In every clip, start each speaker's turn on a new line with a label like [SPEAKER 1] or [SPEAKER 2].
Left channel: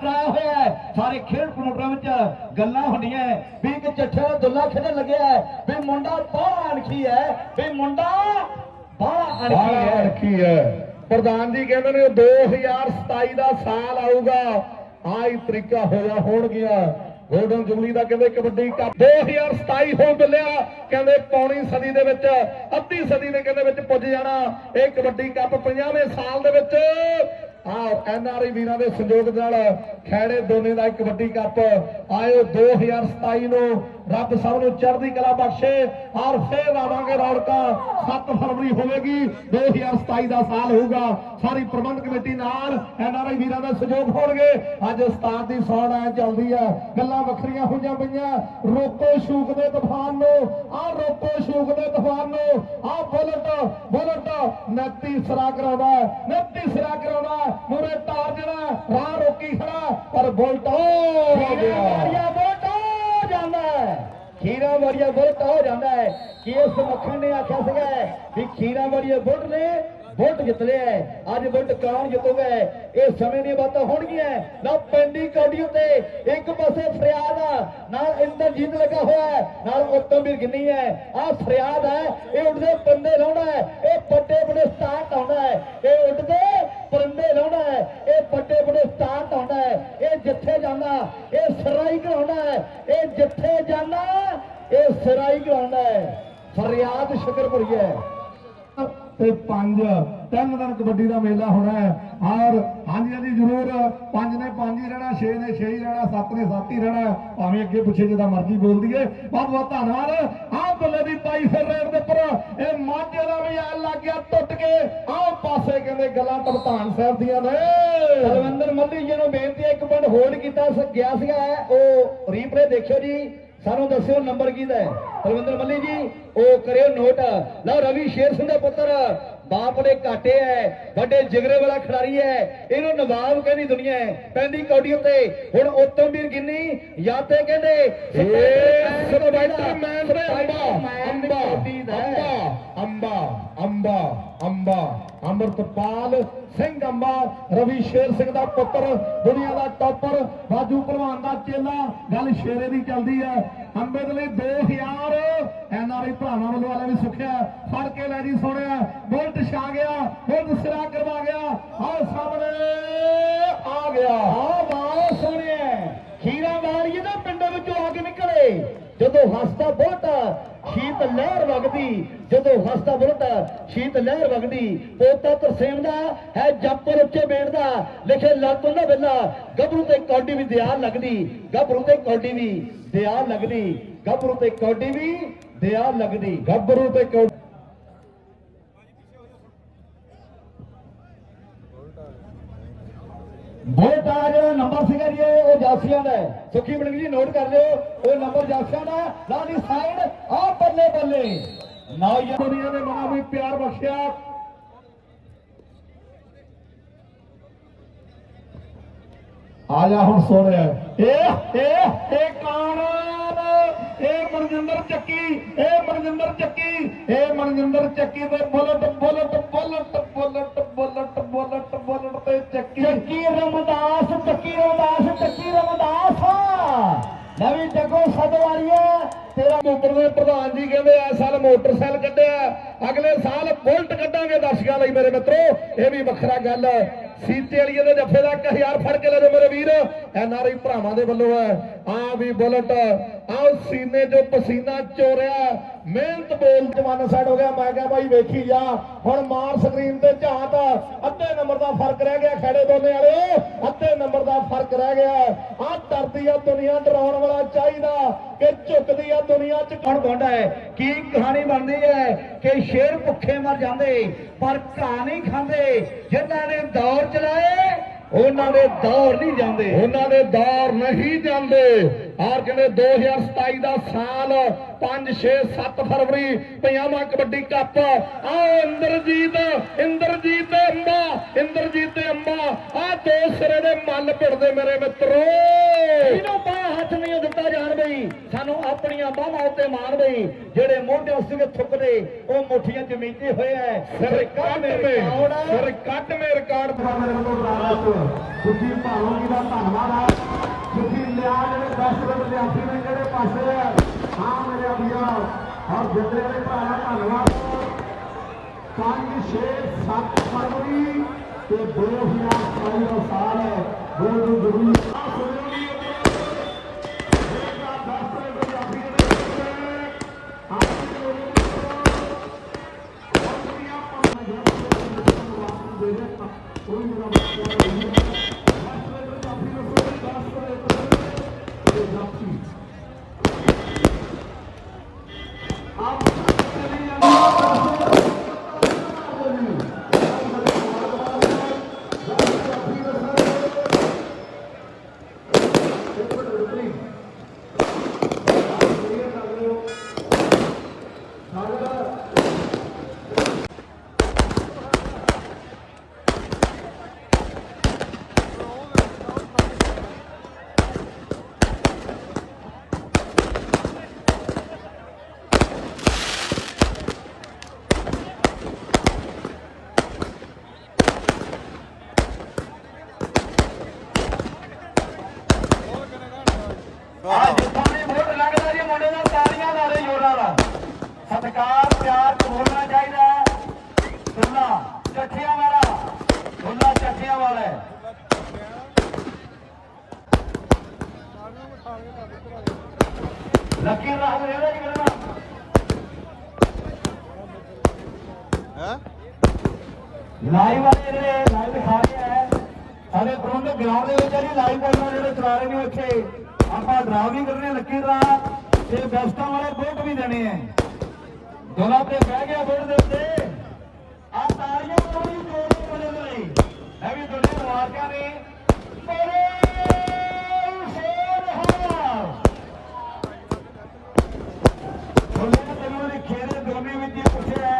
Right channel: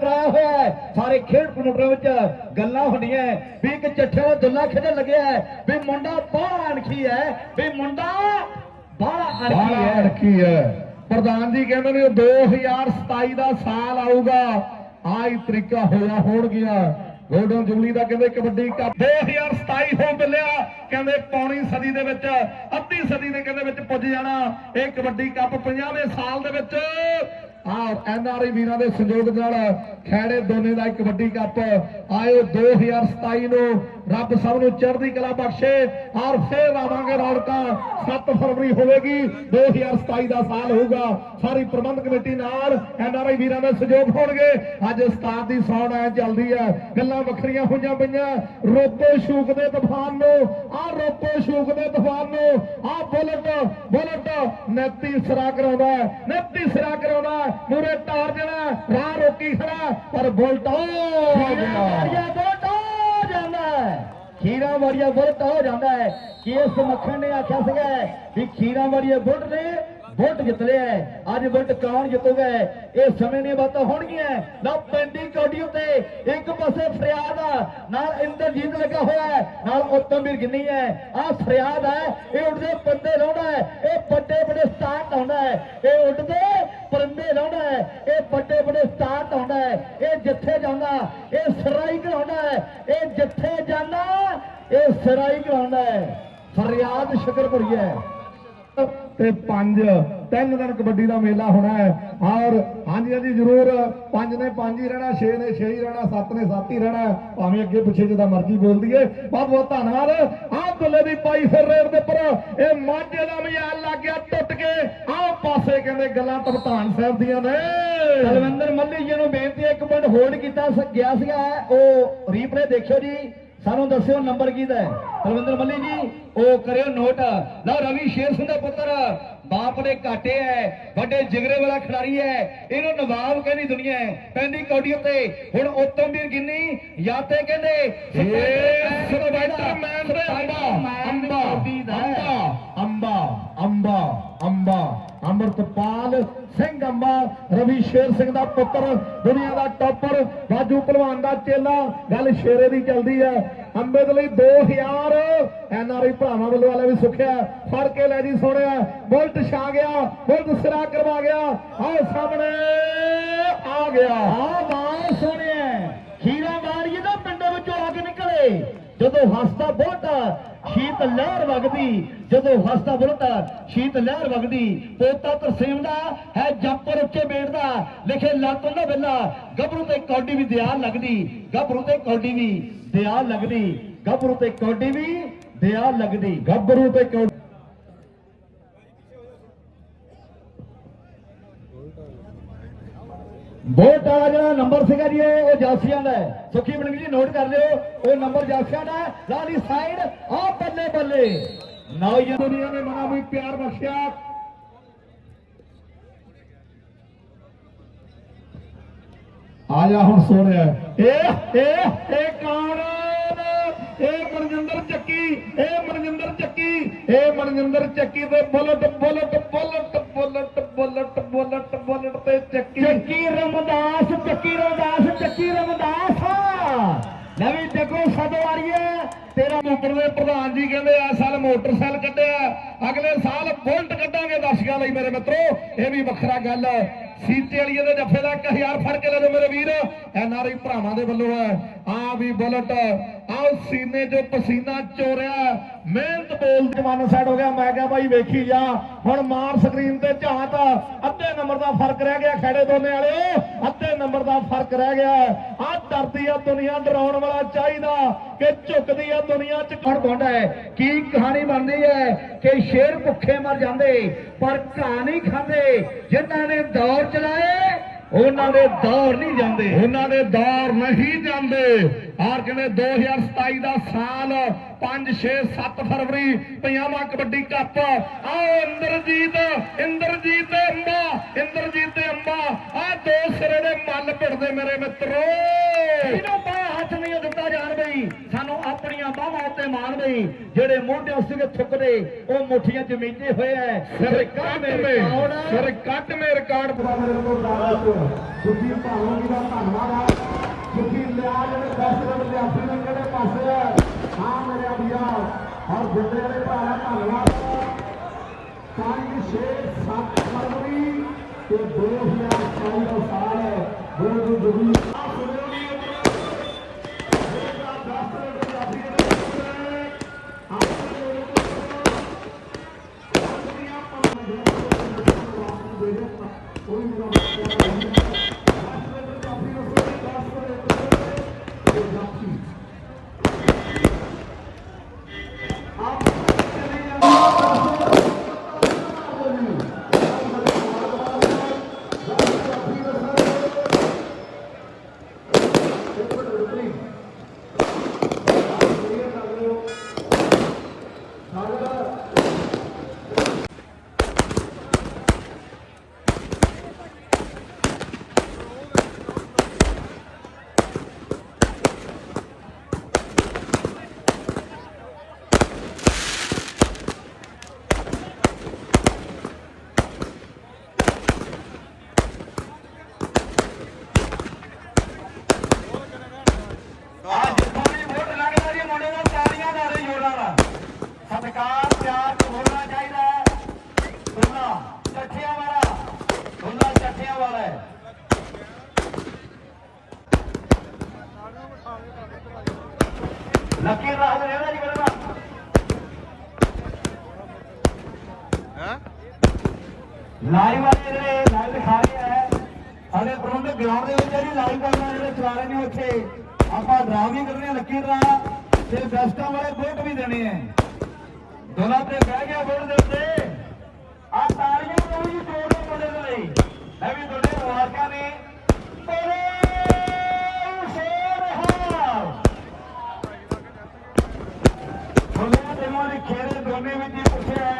[SPEAKER 1] ਕਰਾਇਆ ਹੋਇਆ ਹੈ। ਸਾਰੇ ਖੇਡ ਪ੍ਰੋਗਰਾਮ ਵਿੱਚ ਗੱਲਾਂ ਹੁੰਦੀਆਂ ਵੀ ਇੱਕ ਚੱਠੇ ਦਾ ਦੁੱਲਾ ਖੇਡਣ ਲੱਗਿਆ ਹੈ ਵੀ ਮੁੰਡਾ ਬਾਹਲਾ ਅਣਖੀ ਹੈ ਵੀ ਮੁੰਡਾ ਬਾਹਲਾ ਅਣਖੀ
[SPEAKER 2] ਬਾਹਰ
[SPEAKER 1] ਹੈ।
[SPEAKER 2] ਪ੍ਰਧਾਨ ਜੀ ਕਹਿੰਦੇ ਨੇ 2027 ਦਾ ਸਾਲ ਆਊਗਾ। ਆਈ ਤਰੀਕਾ ਹੋਇਆ ਹੋਣ ਗਿਆ ਗੋਲਡਨ ਜੁਬਲੀ ਦਾ ਕਹਿੰਦੇ ਕਬੱਡੀ ਕੱਪ 2027 ਹੋ ਚੱਲਿਆ ਕਹਿੰਦੇ ਪੌਣੀ ਸਦੀ ਦੇ ਵਿੱਚ ਅੱਧੀ ਸਦੀ ਦੇ ਕਹਿੰਦੇ ਵਿੱਚ ਪੁੱਜ ਜਾਣਾ। ਇਹ ਕਬੱਡੀ ਕੱਪ 50ਵੇਂ ਸਾਲ ਦੇ ਵਿੱਚ ਆ ਐਨਆਰਆਈ ਵੀਰਾਂ ਦੇ ਸਹਿਯੋਗ ਨਾਲ ਖੈੜੇ ਦੋਨੇ ਦਾ ਕਬੱਡੀ ਕੱਪ ਆਇਓ 2027 ਨੂੰ ਰੱਬ ਸਭ ਨੂੰ ਚੜ੍ਹਦੀ ਕਲਾ ਬਖਸ਼ੇ ਔਰ ਫੇਰ ਆਵਾਂਗੇ ਰੌਣਕਾਂ। 7 ਫਰਵਰੀ ਹੋਵੇਗੀ 2027 ਦਾ ਸਾਲ ਹੋਊਗਾ। ਸਾਰੀ ਪ੍ਰਬੰਧ ਕਮੇਟੀ ਨਾਲ ਐਨ ਆਰ ਆਈ ਵੀਰਾਂ ਦਾ ਸਹਿਯੋਗ ਹੋਣਗੇ। ਅੱਜ ਉਸਤਾਦ ਦੀ ਸੌਣ ਐ ਚੱਲਦੀ ਹੈ। ਗੱਲਾਂ ਵੱਖਰੀਆਂ ਹੋਈਆਂ ਪਈਆਂ। ਰੋਕੋ ਸ਼ੂਕ ਦੇ ਤੂਫਾਨ ਨੂੰ ਆ ਰੋਕੋ ਸ਼ੂਕ ਦੇ ਬੁਲਟ ਨੈਤੀ ਸਿਰਾ ਕਰਾਉਂਦਾ ਹੈ, ਨੈਤੀ ਸਿਰਾ ਕਰਾਉਂਦਾ। ਮੂਰੇ ਟਾਰ ਜਿਹੜਾ ਰਾਹ ਰੋਕੀ ਖੜਾ ਪਰ ਬੁਲਟ ਹੋ ਗਿਆ।
[SPEAKER 1] ਬੁਲਟ ਹੋ ਜਾਂਦਾ ਖੀਰਾ ਵਾਰੀਆ ਬੁਲਟ ਹੋ ਜਾਂਦਾ ਹੈ। ਕਿ ਇਸ ਮੱਖਣ ਨੇ ਆਖਿਆ ਸੀਗਾ ਵੀ ਖੀਰਾ ਵਾਰੀਆ ਬੁਲਟ ਨੇ ਬੁਲਟ ਜਿੱਤ ਲਿਆ। ਅੱਜ ਬੁਲਟ ਕੌਣ ਜਿੱਤੂਗਾ ਇਹ ਸਮੇਂ ਦੀਆਂ ਬਾਤਾਂ ਹੋਣਗੀਆਂ ਨਾ ਪੈਂਦੀ ਕੌਡੀ ਉੱਤੇ ਇੱਕ ਪਾਸੇ ਫਰਿਆਦ ਆ ਨਾਲ ਇੰਦਰਜੀਤ ਲੱਗਾ ਹੋਇਆ ਹੈ ਨਾਲ ਉਤਮਵੀਰ ਗਿੰਨੀ ਹੈ। ਆ ਫਰਿਆਦ ਹੈ ਇਹ ਉੱਡਦੇ ਪੰਦੇ ਲਾਉਣਾ ਹੈ ਇਹ ਵੱਡੇ ਵੱਡੇ ਸਟਾਰਟ ਆਉਂਦਾ ਹੈ ਇਹ ਉੱਡਦੇ ਪਰੰਦੇ ਲਾਉਂਦਾ ਹੈ ਇਹ ਵੱਡੇ ਵੱਡੇ ਸਟਾਰਟ ਆਉਂਦਾ ਹੈ ਇਹ ਜਿੱਥੇ ਜਾਂਦਾ ਇਹ ਸਰਾਈ ਕਰਾਉਂਦਾ ਹੈ ਇਹ ਜਿੱਥੇ ਜਾਂਦਾ ਇਹ ਸਰਾਈ ਕਰਾਉਂਦਾ ਹੈ ਫਰਿਆਦ ਸ਼ੁਕਰਪੁਰੀ ਹੈ
[SPEAKER 2] ਤੇ ਪੰਜ ਤਿੰਨ ਦਿਨ ਕਬੱਡੀ ਦਾ ਮੇਲਾ ਹੋਣਾ ਹੈ। ਔਰ ਹਾਂਜੀ ਹਾਂਜੀ, ਜ਼ਰੂਰ। ਪੰਜ ਨੇ ਪੰਜ ਹੀ ਰਹਿਣਾ, ਛੇ ਨੇ ਛੇ ਹੀ ਰਹਿਣਾ, ਸੱਤ ਨੇ ਸੱਤ ਹੀ ਰਹਿਣਾ। ਭਾਵੇਂ ਅੱਗੇ ਪਿੱਛੇ ਜਿਹਦਾ ਮਰਜ਼ੀ ਬੋਲ ਦਈਏ। ਬਹੁਤ ਬਹੁਤ ਧੰਨਵਾਦ। ਆਹ ਦੁੱਲੇ ਦੀ ਪਾਈ ਫਿਰ ਰੇਡ ਦੇ ਉੱਪਰ। ਇਹ ਮਾਝੇ ਦਾ ਮਜ਼ਾਲ ਲੱਗ ਗਿਆ ਟੁੱਟ ਕੇ। ਆਹ ਪਾਸੇ ਕਹਿੰਦੇ ਗੱਲਾਂ ਪ੍ਰਧਾਨ ਸਾਹਿਬ ਦੀਆਂ ਨੇ।
[SPEAKER 1] ਕੁਲਵਿੰਦਰ ਮੱਲੀ ਜੀ ਨੂੰ ਬੇਨਤੀ ਹੈ, ਇੱਕ ਮਿੰਟ ਹੋਲਡ ਕੀਤਾ ਗਿਆ ਸੀਗਾ। ਉਹ ਰੀਪਲੇ ਦੇਖਿਓ ਜੀ। ਸਾਨੂੰ ਦੱਸਿਓ ਨੰਬਰ ਕਿਹਦਾ ਹੈ। ਕੁਲਵਿੰਦਰ ਮੱਲੀ ਜੀ, ਉਹ ਕਰਿਓ ਨੋਟ ਲਓ ਰਵੀ ਸ਼ੇਰ ਸਿੰਘ ਦਾ ਪੁੱਤਰ। ਬਾਪ ਦੇ ਘਾਟੇ ਹੈ ਵੱਡੇ ਜਿਗਰੇ ਵਾਲਾ ਖਿਡਾਰੀ ਹੈ ਇਹਨੂੰ ਨਵਾਬ ਕਹਿੰਦੀ ਦੁਨੀਆ ਪੈਂਦੀ ਕੌਡੀ ਉੱਤੇ ਹੁਣ ਉਤਮਵੀਰ ਗਿੰਨੀ ਜਾਂ ਤੇ ਕਹਿੰਦੇ
[SPEAKER 2] ਦੇ ਅੰਬਾ ਅੰਬਾ ਅੰਬਾ ਅੰਬਾ ਅੰਬਾ ਅੰਮ੍ਰਿਤਪਾਲ ਸਿੰਘ ਅੰਬਾ ਰਵੀ ਸ਼ੇਰ ਸਿੰਘ ਦਾ ਪੁੱਤਰ ਦੁਨੀਆ ਦਾ ਟੌਪਰ ਰਾਜੂ ਪਹਿਲਵਾਨ ਦਾ ਚੇਲਾ। ਗੱਲ ਸ਼ੇਰੇ ਦੀ ਚੱਲਦੀ ਹੈ ਅੰਬੇ ਦੇ ਲਈ 2000 ਐਨਆਰਆਈ ਭਰਾਵਾਂ ਵੱਲੋਂ ਵਾਲਾ ਵੀ ਸੁਖਿਆ ਫੜ ਕੇ ਲੈ ਜੀ ਸੋਹਣਿਆ ਬੁਲਟ ਛਾ ਗਿਆ। ਬੁਲਟ ਸਿਰਾ ਕਰਵਾ ਗਿਆ। ਆਹ ਸਾਹਮਣੇ ਆ ਗਿਆ।
[SPEAKER 1] ਆ ਬਾਲ ਸੋਹਣਿਆ ਖੀਰਾ ਵਾਰੀਏ ਦਾ ਪਿੰਡ ਵਿੱਚੋਂ ਆ ਕੇ ਨਿਕਲੇ। ਜਦੋਂ ਹੱਸਦਾ ਬੋਲਦਾ ਸ਼ੀਤ ਲਹਿਰ ਵਗਦੀ, ਜਦੋਂ ਹੱਸਦਾ ਬੋਲਦਾ ਸ਼ੀਤ ਲਹਿਰ ਵਗਦੀ। ਪੋਤਾ ਤਰਸੇਮ ਦਾ ਹੈ ਜੰਪਰ ਉੱਚੇ ਬੈਠਦਾ ਲਿਖੇ ਲੱਤ ਉਹਨਾਂ ਵੇਲਾ ਗੱਭਰੂ ਤੇ ਕੌਡੀ ਵੀ ਦਿਆ ਲੱਗਦੀ। ਗੱਭਰੂ ਤੇ ਕੌਡੀ ਵੀ ਦਿਆ ਲੱਗਦੀ। ਗੱਭਰੂ ਤੇ ਕੌਡੀ ਵੀ ਦਿਆ ਲੱਗਦੀ।
[SPEAKER 2] ਗੱਭਰੂ ਤੇ ਕੌ
[SPEAKER 1] ਵੋਟ ਵਾਲਾ ਜਿਹੜਾ ਨੰਬਰ ਸੀਗਾ ਜੀ ਇਹ ਉਹ ਜਾਸੀਆਂ ਦਾ ਹੈ। ਸੁਖੀ ਬਣ ਜੀ ਨੋਟ ਕਰ ਲਿਓ ਉਹ ਨੰਬਰ ਜਾਸੀਆਂ ਦਾ ਹੈ। ਲਾਲੀ ਸਾਈਡ ਆ ਬੱਲੇ ਬੱਲੇ ਨੌਜਵਾਨ
[SPEAKER 2] ਦੁਨੀਆ ਨੇ ਬੜਾ ਵੀ ਪਿਆਰ ਬਖਸ਼ਿਆ ਆ ਜਾ ਹੁਣ ਸੋਹਣਿਆ ਇਹ ਇਹ ਇਹ ਕਾਰਨ ਇਹ ਮਨਜਿੰਦਰ ਚੱਕੀ ਇਹ ਮਨਜਿੰਦਰ ਚੱਕੀ ਇਹ ਮਨਜਿੰਦਰ ਚੱਕੀ ਦੇ bullet bullet bullet bullet bullet bullet bullet ਤੇ ਚੱਕੀ
[SPEAKER 1] ਚੱਕੀ ਰਮਦਾਸ
[SPEAKER 2] ਦੇ ਪ੍ਰਧਾਨ ਜੀ ਕਹਿੰਦੇ ਆ, ਸਾਲ ਮੋਟਰਸਾਈਕਲ ਕੱਢਿਆ, ਅਗਲੇ ਸਾਲ ਬੁਲਟ ਕੱਢਾਂਗੇ। ਦਰਸ਼ਕਾਂ ਲਈ ਮੇਰੇ ਮਿੱਤਰੋ, ਇਹ ਵੀ ਵੱਖਰਾ ਗੱਲ ਹੈ। ਸੀਤੇ ਵਾਲੀਏ ਦੇ ਜੱਫੇ ਦਾ 1000 ਫੜ ਕੇ ਲੈ ਜਾਓ ਮੇਰੇ ਵੀਰ। ਐਨਆਰਆਈ ਭਰਾਵਾਂ ਦੇ ਵੱਲੋਂ ਹੈ। ਆ ਵੀ ਬੁਲਟ ਆਹ ਸੀਨੇ 'ਚੋਂ ਪਸੀਨਾ ਚੋਰਿਆ। ਮਿਹਨਤ ਬੋਲ ਜਮਾਨਾ ਸਾਈਡ ਹੋ ਗਿਆ। ਮੈਂ ਕਿਹਾ, ਬਾਈ ਵੇਖੀ ਜਾ। ਹੁਣ ਮਾਰ ਸਕਰੀਨ ਤੇ ਝਾਤ ਅੱਧੇ ਨੰਬਰ ਦਾ ਫ਼ਰਕ ਰਹਿ ਗਿਆ ਖੇੜੇ ਦੋਨੇ ਵਾਲਿਓ। ਅੱਧੇ ਨੰਬਰ ਦਾ ਫ਼ਰਕ ਰਹਿ ਗਿਆ। ਆ ਡਰਦੀ ਆ ਦੁਨੀਆ, ਡਰਾਉਣ ਵਾਲਾ ਚਾਹੀਦਾ ਕਿ ਝੁਕਦੀ ਆ ਦੁਨੀਆ 'ਚ।
[SPEAKER 1] ਕੌਣ ਪਾਉਂਦਾ ਹੈ। ਕੀ ਕਹਾਣੀ ਬਣਦੀ ਹੈ ਕਿ ਸ਼ੇਰ ਭੁੱਖੇ ਮਰ ਜਾਂਦੇ, ਪਰ ਘਾਹ ਨਹੀਂ ਖਾਂਦੇ। ਜਿਨ੍ਹਾਂ ਨੇ ਦੌਰ ਚਲਾਏ। ਉਹਨਾਂ ਦੇ ਦੌਰ ਨਹੀਂ ਜਾਂਦੇ।
[SPEAKER 2] ਉਹਨਾਂ ਦੇ ਦੌਰ ਨਹੀਂ ਜਾਂਦੇ। ਆਰ ਕਹਿੰਦੇ 2027 ਦਾ ਸਾਲ 5 6 7 ਫਰਵਰੀ ਪੰਜਾਬਾ ਕਬੱਡੀ ਕੱਪ। ਆ ਇੰਦਰਜੀਤ ਇੰਦਰਜੀਤ ਅੰਬਾ ਇੰਦਰਜੀਤ ਅੰਬਾ ਆ ਦੋ ਸਿਰੇ ਦੇ ਮੱਲ ਭਿੜਦੇ ਮੇਰੇ ਮਿੱਤਰੋ।
[SPEAKER 1] ਤੇ ਮਾਨ ਜਿਹੜੇ ਮੋਢੇ ਉਸ ਦੇ ਥੁੱਕਦੇ ਉਹ ਮੁੱਠੀਆਂ ਜਮੀਂਦੇ ਹੋਏ ਐ
[SPEAKER 2] ਸਿਰ ਕੱਟ ਮੇ ਸਿਰ ਕੱਟ ਮੇ ਰਿਕਾਰਡ ਮੇਰੇ ਕੋਲ ਬਰਾਵਾ ਸੁਖੀ ਭਾਲੋ ਜੀ ਦਾ ਧੰਨਵਾਦ ਆ। ਸੁਖੀ ਲਿਆ ਜਿਹੜੇ 10 ਰੁਪਏ ਲਿਆਸੀ ਨੇ ਕਿਹੜੇ ਪਾਸੇ ਆ? ਹਾਂ ਮੇਰੇ ਅਭਿਆ ਔਰ ਜਿੰਦੇ ਵਾਲੇ ਭਰਾ ਧੰਨਵਾਦ 5 6 7 ਫਰਵਰੀ ਤੇ 2022 ਸਾਲ ਹੈ। ਬਹੁਤ ਜ਼ਰੂਰੀ ਸਾਡੇ ਪ੍ਰਬੰਧਕ ਗਰਾਊਂਡ ਦੇ ਵਿੱਚ ਜਿਹੜੀ ਲਾਈਵ ਪ੍ਰੋਗਰਾਮ ਜਿਹੜੇ ਚਲਾ ਰਹੇ ਨੇ ਉੱਥੇ, ਆਪਾਂ ਡਰਾ ਵੀ ਕਰਨੇ ਲੱਕੀ ਡਰਾ ਤੇ ਬੈਸਟਾਂ ਵਾਲੇ ਵੋਟ ਵੀ ਦੇਣੇ ਆ। ਦੋਨਾਂ ਤੇ ਬਹਿ ਗਿਆ ਵੋਟ ਦੇ ਉੱਤੇ ਆ ਤਾਲੀਆਂ ਨੂੰ ਵੀ ਜੋੜ ਕੇ ਬੋਲੇ ਲਈ ਮੈਂ ਵੀ ਦੋਨੇ ਮੁਬਾਰਕਾਂ ਨੇ ਬੋਲੇ ਸ਼ੇਰ ਉਹਨੇ ਤੈਨੂੰ ਲਿਖੇ ਨੇ ਦੋਨੇ ਵਿੱਚ ਹੀ ਪੁੱਛਿਆ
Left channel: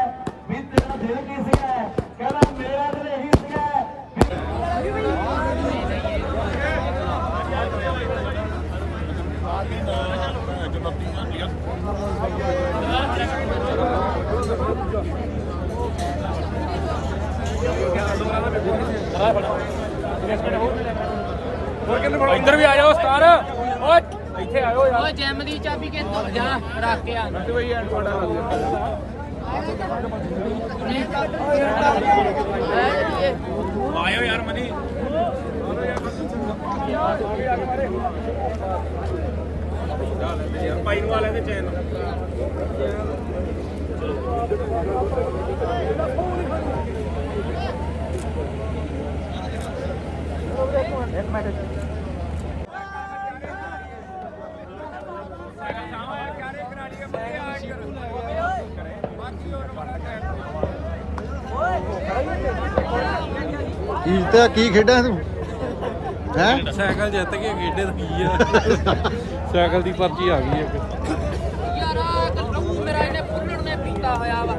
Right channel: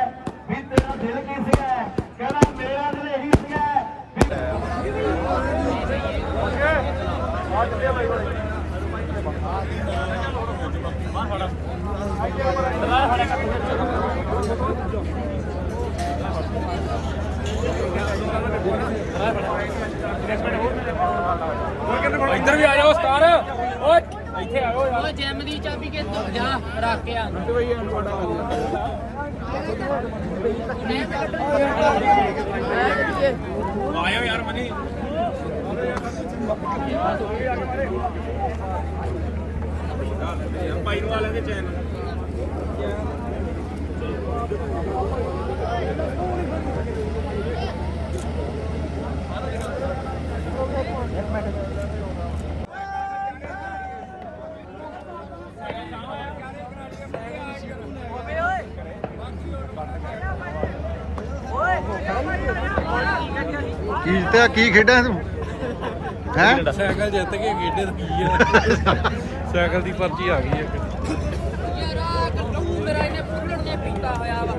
[SPEAKER 2] ਵੀ ਤੇਰਾ ਦਿਲ ਕੀ ਸੀਗਾ ਕਹਿੰਦਾ ਮੇਰਾ ਦਿਲ ਇਹੀ ਸੀਗਾ ਵੀ
[SPEAKER 3] ਇੱਧਰ ਵੀ ਆ ਜਾਓ ਸਟਾਰ ਓਏ ਇੱਥੇ ਆਇਓ ਯਾਰ
[SPEAKER 4] ਉਹ ਜਿਮ ਦੀ ਚਾਬੀ ਕਿ ਜਾ ਰੱਖ ਕੇ ਆ
[SPEAKER 3] ਆਇਓ ਯਾਰ ਮਨੀ ਯਾਰ ਭਾਈ ਨੂੰ ਵਾਲੇ ਦੇ ਚੈਨ
[SPEAKER 5] ਕੀ ਜਿੱਤਿਆ? ਕੀ ਖੇਡਾਂ ਤੂੰ? ਹੈ?
[SPEAKER 3] ਸਾਈਕਲ ਜਿੱਤ ਕੇ ਖੇਡੇ ਤਾਂ ਕੀ ਆ? ਸਾਈਕਲ ਦੀ ਪਰਚੀ ਆ ਗਈ ਇੱਕ।
[SPEAKER 4] ਯਾਰਾ ਕੱਟੂ ਮੇਰਾ ਇਹਨੇ ਫੁੱਲਣ ਨੇ ਪੀਤਾ ਹੋਇਆ ਵਾ।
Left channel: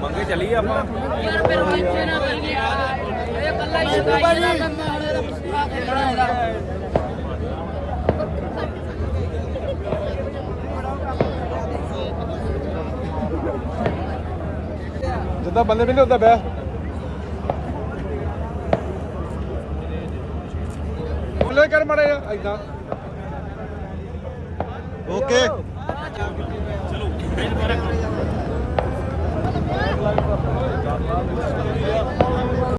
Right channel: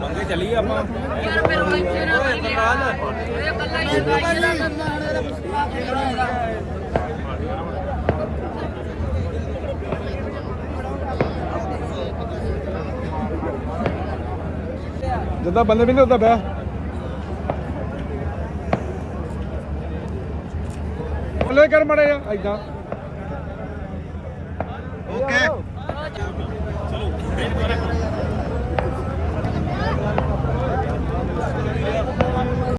[SPEAKER 3] ਮੰਗੇ ਚੱਲੀਏ ਆਪਾਂ।
[SPEAKER 4] ਯਾਰ ਮੇਰਾ ਇੱਥੇ ਨਾ ਕਰ ਗਿਆ ਇਹ ਕੱਲਾ ਹੀ ਬਾਈ ਦਾ ਕੰਮ ਆਣੇ ਦਾ ਪੁੱਠਾ ਖੇਡਣਾ ਇਹਦਾ
[SPEAKER 3] ਜਿੱਦਾਂ ਬੰਦੇ ਵੀ ਨਹੀਂ ਹੁੰਦਾ ਪਿਆ ਬੋਲੇ ਕਰ ਮੜਿਆ ਇਦਾਂ
[SPEAKER 5] ਓਕੇ।
[SPEAKER 3] ਚਲੋ